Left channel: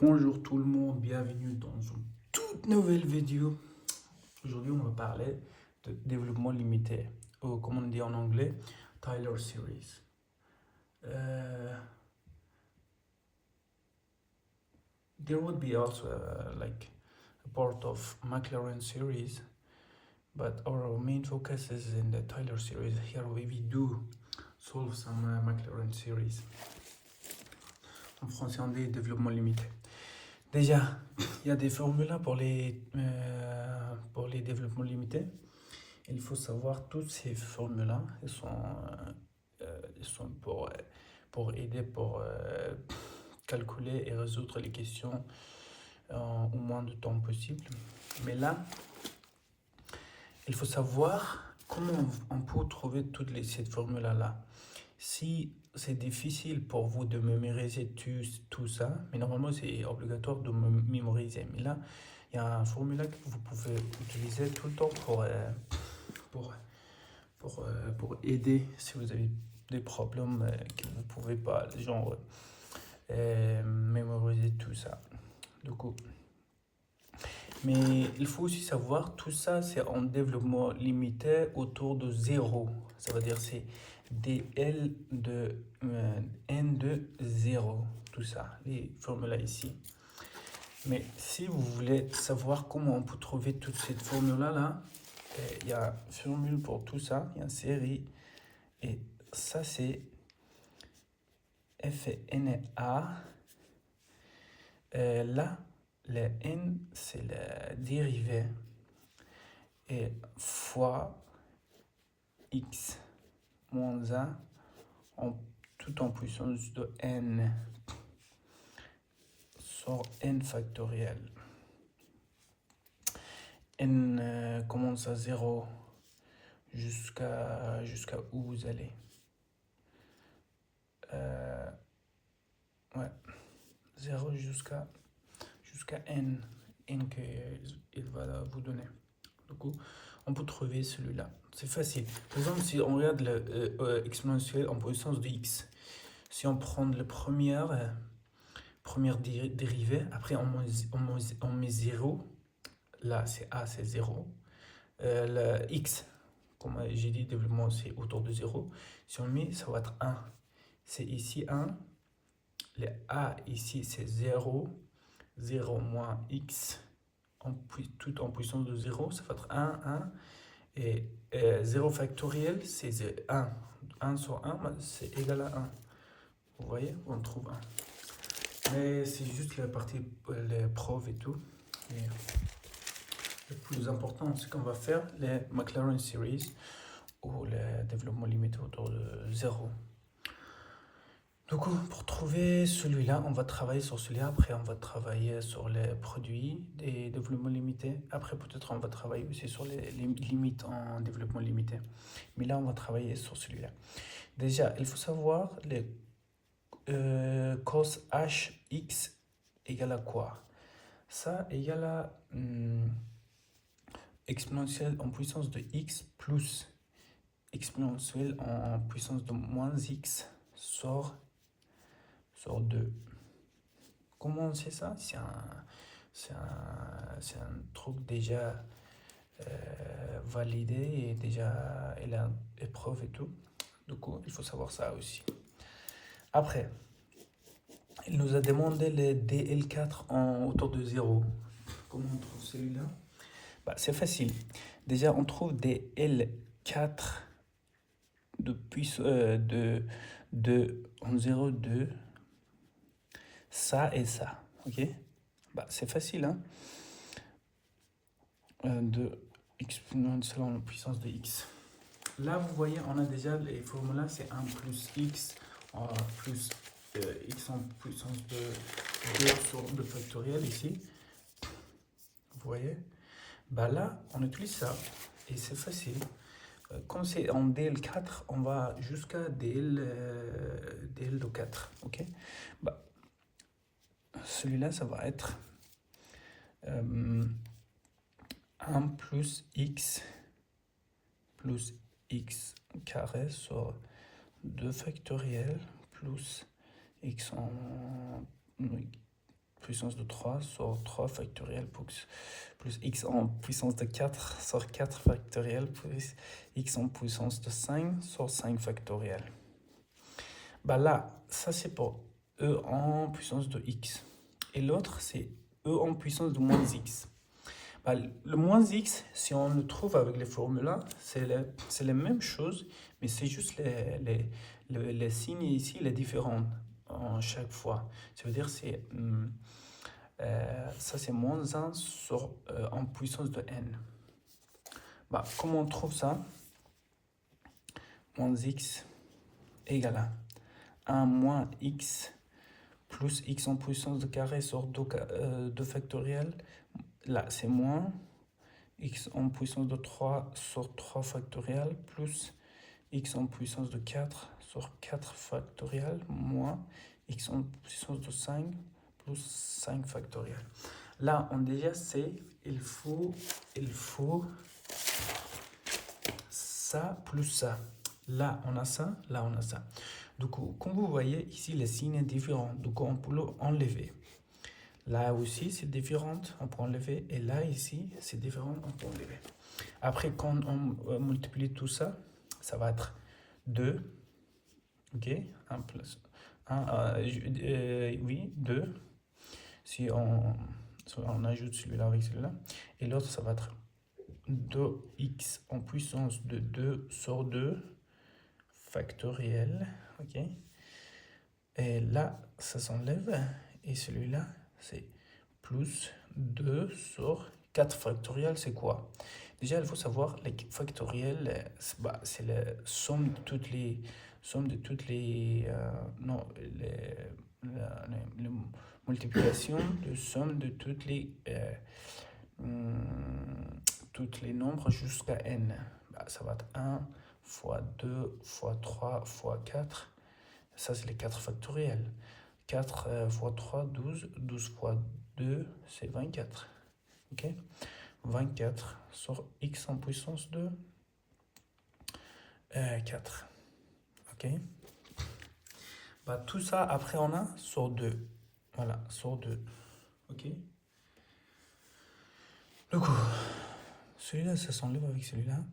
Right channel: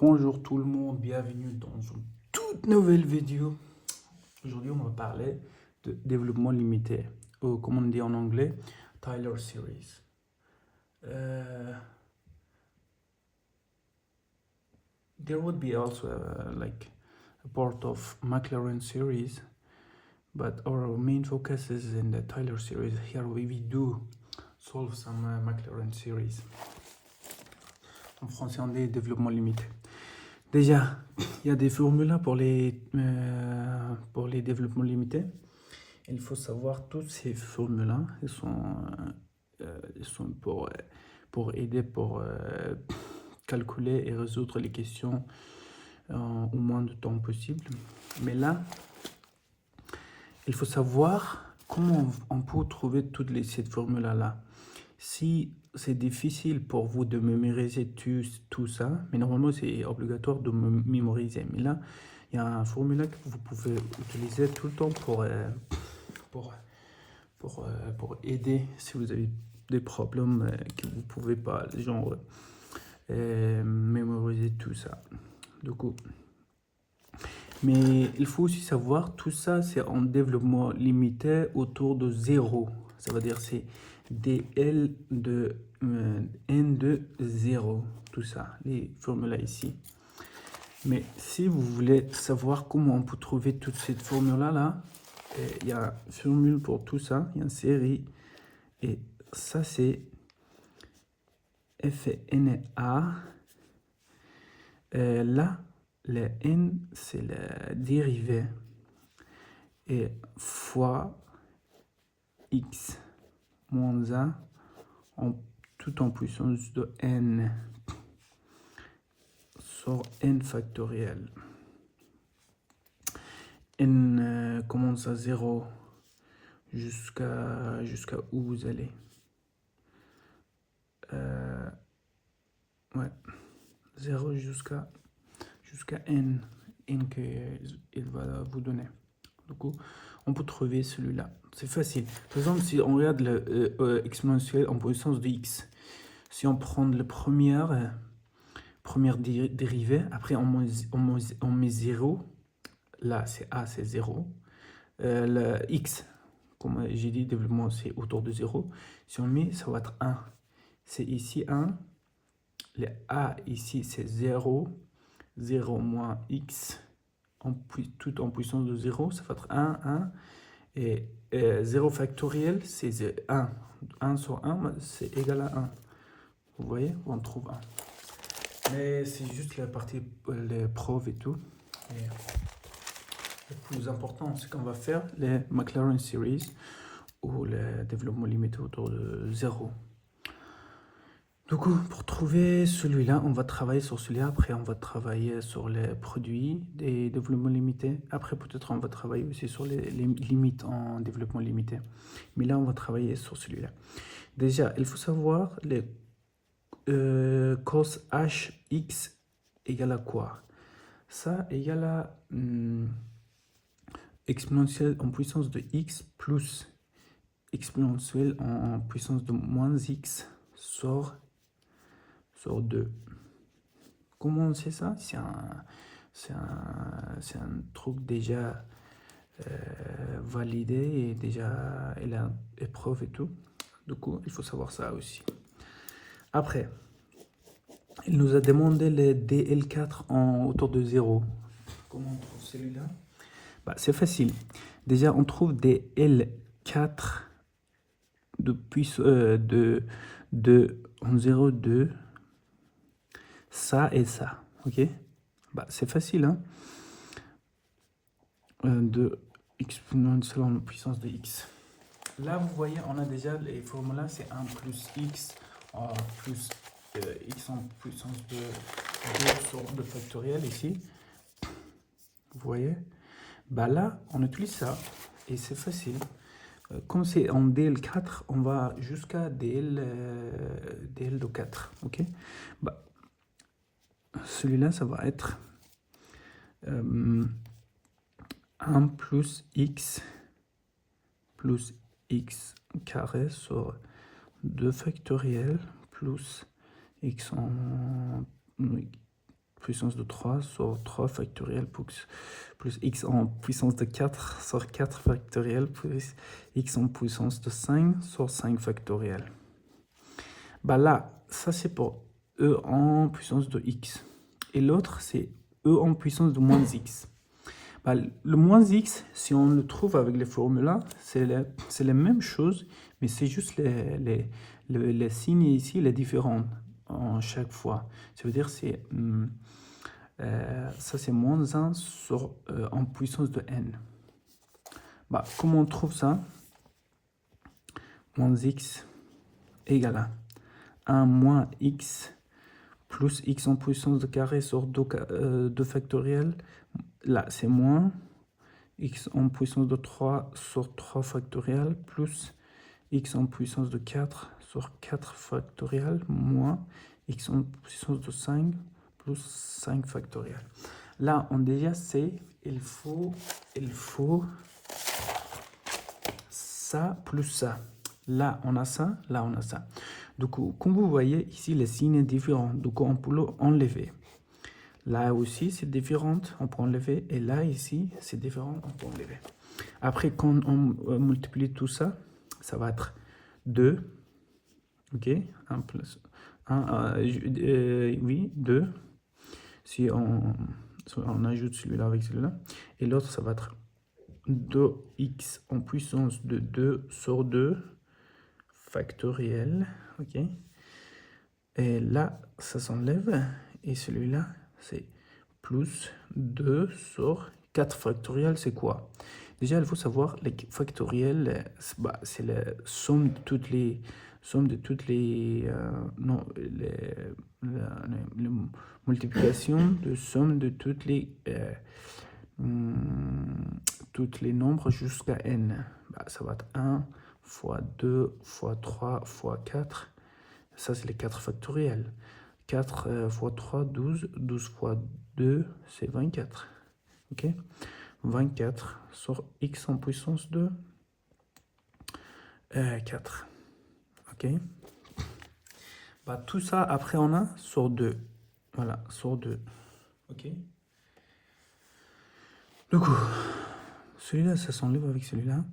Bonjour tout le monde, bienvenue dans une toute nouvelle vidéo. Aujourd'hui, on va parler de développement limité, ou comme on dit en anglais, Taylor Series. There would be also like a part of McLaren series, but our main focus is in the Taylor series. Here we do solve some McLaren series. En français, on dit développement limité. Déjà, il y a des formules pour les développements limités. Il faut savoir toutes ces formules-là. Ils sont pour aider, pour calculer et résoudre les questions au moins de temps possible. Mais là, il faut savoir comment on peut trouver toutes ces formules-là. Si c'est difficile pour vous de mémoriser tout ça, mais normalement c'est obligatoire de mémoriser. Mais là, il y a un formulaire que vous pouvez utiliser tout le temps pour aider si vous avez des problèmes que vous ne pouvez pas, genre, mémoriser tout ça. Du coup. Mais il faut aussi savoir, tout ça c'est en développement limité autour de 0. Ça veut dire c'est dl de n de 0. Tout ça, les formules ici. Mais si vous voulez savoir comment on peut trouver toutes ces formules-là, il y a une formule pour tout ça, il y a une série. Et ça c'est FNA. Là, le n, c'est la dérivée et fois x moins 1 tout en puissance de n sur n factoriel. N commence à 0 jusqu'à où vous allez. Ouais, 0 jusqu'à n qu'il va vous donner. Du coup, on peut trouver celui-là. C'est facile. Par exemple, si on regarde le exponentiel en puissance de x, si on prend la première dérivée, après on met 0, là c'est a, c'est 0. Le x, comme j'ai dit, développement c'est autour de 0. Si on met, ça va être 1. C'est ici 1. Le a ici c'est 0. 0 moins x tout en puissance de 0, ça va être 1, 1. Et 0 factoriel, c'est 1. 1 sur 1, c'est égal à 1. Vous voyez, on trouve 1. Mais c'est juste la partie, les preuves et tout. Et le plus important, c'est qu'on va faire les McLaren Series ou le développement limité autour de 0. Du coup, pour trouver celui-là, on va travailler sur celui-là. Après, on va travailler sur les produits des développements limités. Après, peut-être on va travailler aussi sur les limites en développement limité. Mais là, on va travailler sur celui-là. Déjà, il faut savoir les cos hx égale à quoi? Ça égale à exponentielle en puissance de x plus exponentielle en puissance de moins x sur 2. Comment on sait ça? C'est un truc déjà validé et déjà il a épreuve et tout. Du coup, il faut savoir ça aussi. Après, il nous a demandé les DL4 autour de 0. Comment on trouve celui-là? C'est facile. Déjà, on trouve des L4 en 0,2. Ça et ça, ok? C'est facile, hein? De exponentielle en puissance de x. Là, vous voyez, on a déjà les formules, c'est 1 plus x plus x en puissance de 2 sur 2 factoriel ici. Vous voyez? Là, on utilise ça et c'est facile. Comme c'est en DL4, on va jusqu'à DL de 4, ok? Celui-là, ça va être 1 plus x carré sur 2 factoriel plus x en puissance de 3 sur 3 factoriel plus x en puissance de 4 sur 4 factoriel plus x en puissance de 5 sur 5 factoriel. Bah là, ça c'est pour e en puissance de x. Et l'autre, c'est e en puissance de moins x. Bah, le moins x, si on le trouve avec les formulas, c'est la même chose, mais c'est juste les signes ici, les différents en chaque fois. Ça veut dire c'est ça c'est moins 1 sur, en puissance de n. Bah, comment on trouve ça? Moins x égale à 1 moins x plus x en puissance de carré sur 2 factoriel. Là, c'est moins x en puissance de 3 sur 3 factoriel plus x en puissance de 4 sur 4 factoriel moins x en puissance de 5 plus 5 factoriel. Là, on déjà sait, il faut ça plus ça. Là, on a ça, là, on a ça. Donc, comme vous voyez, ici, les signes sont différents. Donc, on peut l'enlever. Là aussi, c'est différent, on peut enlever. Et là, ici, c'est différent, on peut enlever. Après, quand on multiplie tout ça, ça va être 2. OK, 1 plus 1. Oui, 2. Si on ajoute celui-là avec celui-là. Et l'autre, ça va être 2x en puissance de 2 sur 2 factoriel. OK. Et là, ça s'enlève. Et celui-là, c'est plus 2 sur 4 factoriel, c'est quoi? Déjà, il faut savoir, les factoriels, c'est la somme de toutes les multiplications de somme de toutes les nombres jusqu'à n. Bah, ça va être 1 fois 2 fois 3 fois 4. Ça, c'est les 4 factoriels. 4 fois 3, 12. 12 fois 2, c'est 24. OK? 24 sur x en puissance de 4. OK? Bah, tout ça, après, on a sur 2. Voilà, sur 2. OK? Du coup, celui-là, ça s'enlève avec celui-là.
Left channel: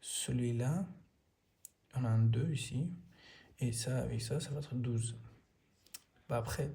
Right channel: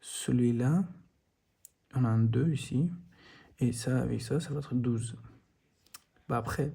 Celui-là, on a un 2 ici. Et ça, avec ça, ça va être 12. Bah après,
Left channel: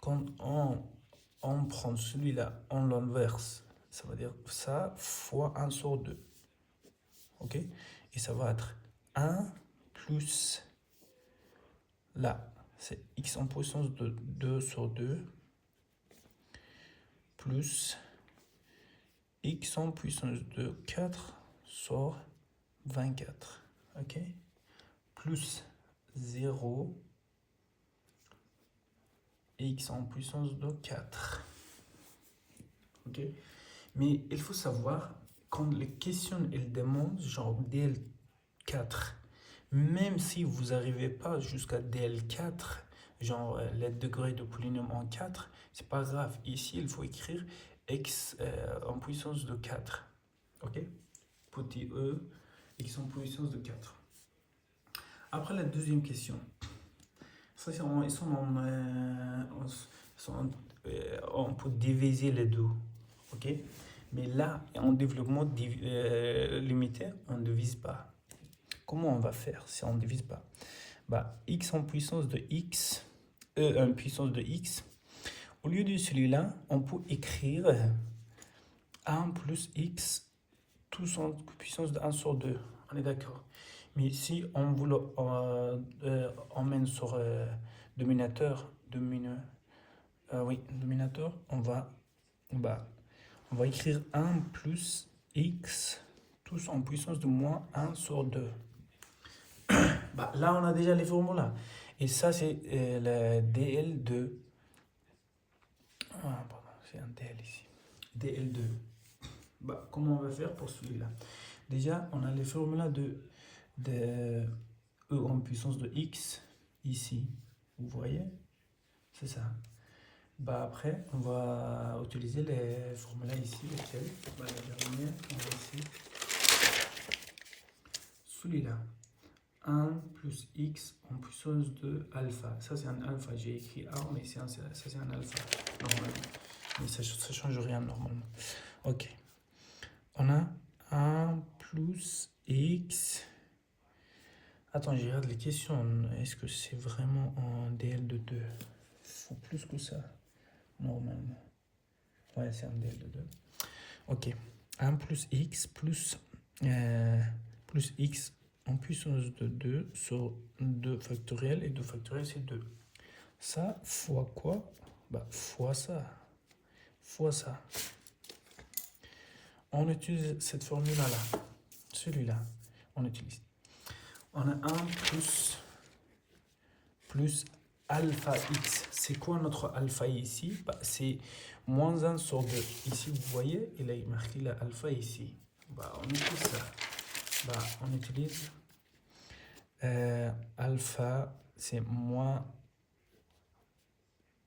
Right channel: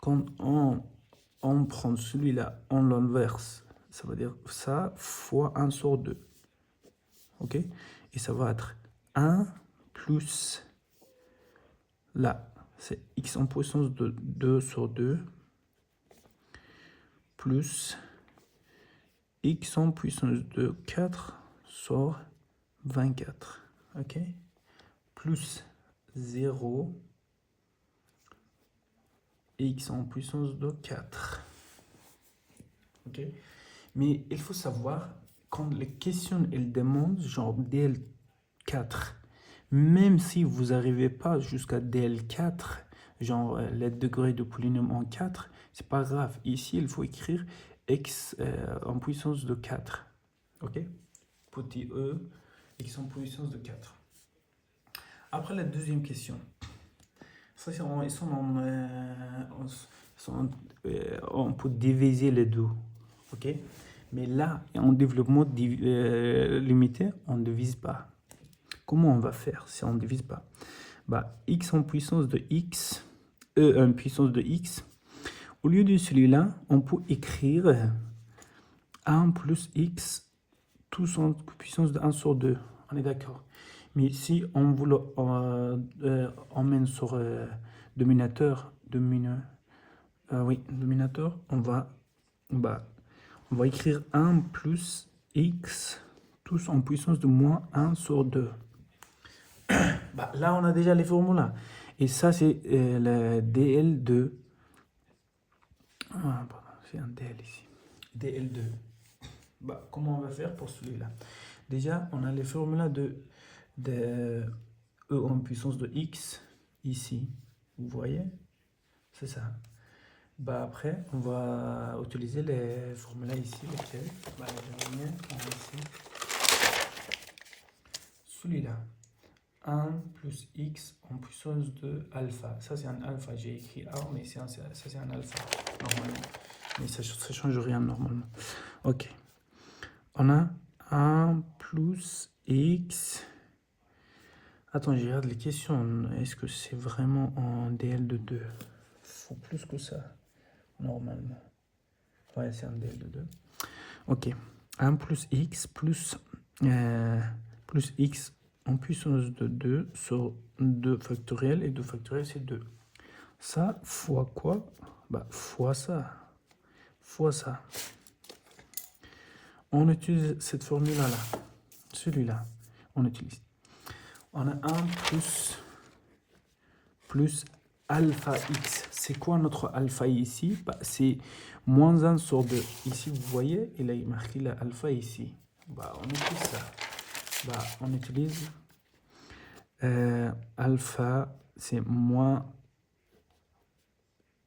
quand on prend celui-là, on l'inverse. Ça veut dire ça fois 1 sur 2. OK? Et ça va être 1 plus... Là, c'est x en puissance de 2 sur 2 plus x en puissance de 4 sur 24. OK? Plus 0 x en puissance de 4. OK? Mais il faut savoir, quand les questions elles demandent genre DL4, même si vous n'arrivez pas jusqu'à DL4, genre les degrés de polynôme en 4, c'est pas grave. Ici, il faut écrire x en puissance de 4. OK? Petit e, x en puissance de 4. Après la deuxième question. Ça, on peut diviser les deux. OK? Mais là, en développement limité, on ne divise pas. Comment on va faire si on ne divise pas? Bah, x en puissance de x, e en puissance de x. Au lieu de celui-là, on peut écrire 1 plus x, tous en puissance de 1 sur 2. On est d'accord? Mais si on veut emmène sur dominateur, on va écrire 1 plus x, tous en puissance de moins 1 sur 2. Bah, là, on a déjà les formulas. Et ça, c'est le DL2. Ah, pardon, c'est un DL ici. DL2. Bah, comment on va faire pour celui-là? Déjà, on a les formulas de E en puissance de x ici. Vous voyez? C'est ça. Bah, après, on va utiliser les formulas ici. Lesquels? Bah, la dernière, on va ici. Celui-là. 1 plus x en puissance de alpha. Ça, c'est un alpha. J'ai écrit A, mais ça, c'est un alpha, normalement. Mais ça ne change rien, normalement. Ok. On a 1 plus x. Attends, je regarde les questions. Est-ce que c'est vraiment en DL de 2? Il faut plus que ça, normalement. Ouais, c'est un DL de 2. Ok. 1 plus x plus x en puissance de 2 sur 2 factoriel. Et 2 factoriel, c'est 2. Ça, fois quoi? Bah, fois ça. Fois ça. On utilise cette formule-là. Celui-là, on utilise. On a 1 plus alpha x. C'est quoi notre alpha ici? Bah, c'est moins 1 sur 2. Ici, vous voyez, il a marqué la alpha ici. Bah, on utilise ça. Bah, on utilise alpha, c'est moins